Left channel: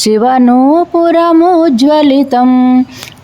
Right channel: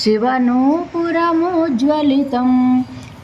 शिवनूपुरमुज्ज्वलितं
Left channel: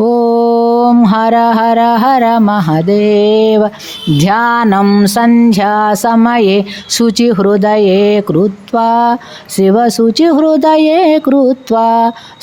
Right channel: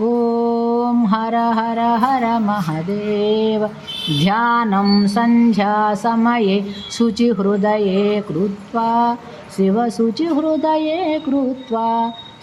ॐ हर हर हर महदेव ध्यानं सन्ध्यासमये शुचिहृदये कृत्वा शिवशुचिहृदये कृत्वा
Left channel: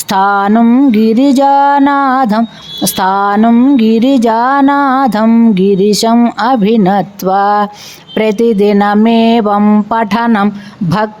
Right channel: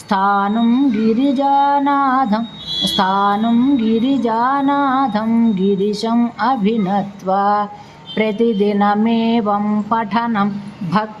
स्थानं गिरिजानाथं स्थानं गिरिजानाथं गिरिशम् अभिनत्वा प्रतिदिनमेवं पठनं भक्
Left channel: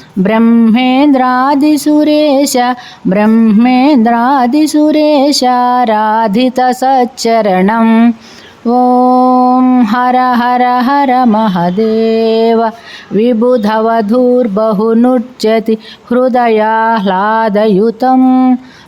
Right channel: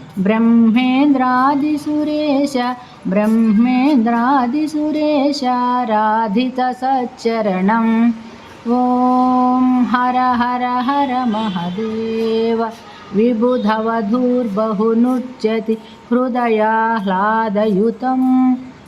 ब्रह्मेन्द्रादिसुरेश ब्रह्मेन्द्रादिसुरेश राधितसच्चरणम् ॐ हर हर हर महदेव विबुधवधूर्बहुनुच्यति हृदयाह्लादयुतं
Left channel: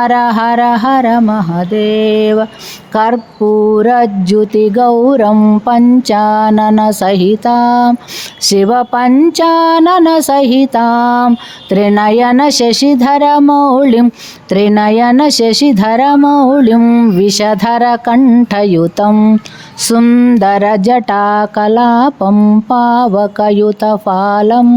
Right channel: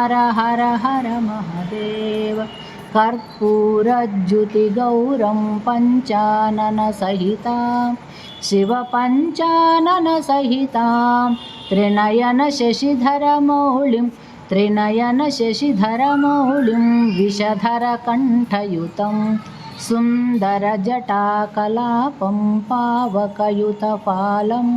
हर हर हर महदेव कर्पूरज्युतिगौरं पञ्चाननसहितां शिवपञ्चाननसहितां त्रिनयनशशिधरमौलिं त्रिनयनशशिधरमौलिं विषधरकण्ठयुतं सुन्दरजटाकलापं पावकयुतफालम्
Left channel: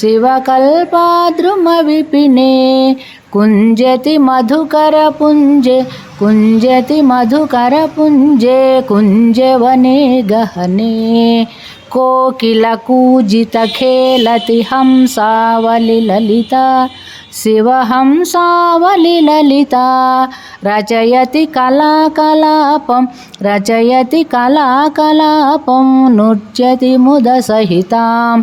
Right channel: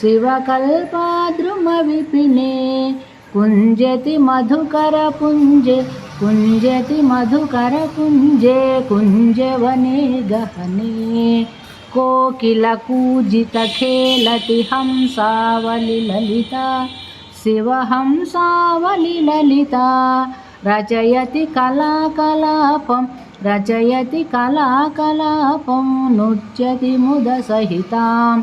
शिवकल्पाद्रुमविपिने कुञ्जति मधुकरपुञ्ज कुञ्जति मधुकरपुञ्जे कुञ्जवने गहने कोकिलकूजितखेलति हंसावलिललिता शिवहंसावलिललिता रचयति कलाकलापं रचयति कलाकलापं नृत्यति मुदसहिताम्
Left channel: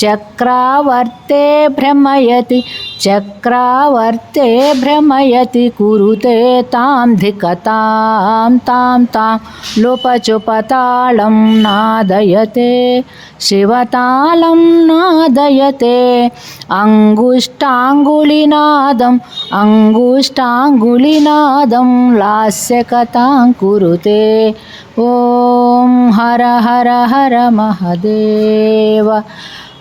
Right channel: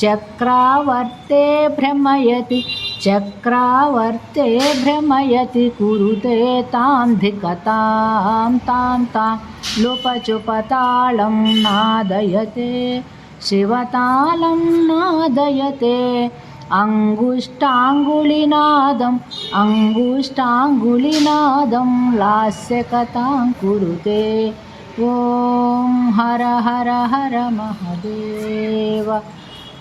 చక్రావర్తే భ్రమయతి చక్రావర్తే భ్రమయతి కురుతే తాం ధికతాం తాం తాం లుపచుపతాళం నాదయతే శివతాళం నాదయతే అంగుష్టాంగులినాదం అంగుష్టాంగులినాదం లాస్యకతాం కురుతే ఓం హర హర హర మహదేవ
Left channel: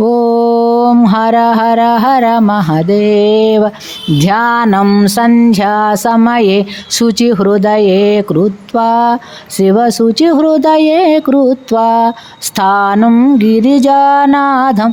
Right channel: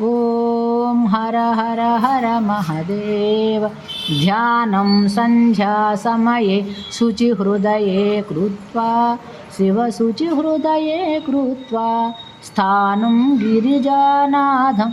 ओम हर हर हर महदेव ध्यानं शुचि हृदय कृत्वा हृदय कृत्वा स्थानम गिरिजानाथं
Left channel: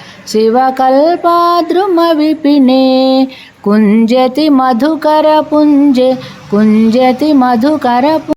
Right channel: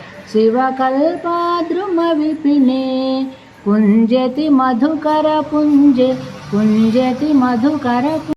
शिवकल्पाद्रुमविपिने कुञ्जति मधुकरपुञ्जे कुञ्जति मधुकरपु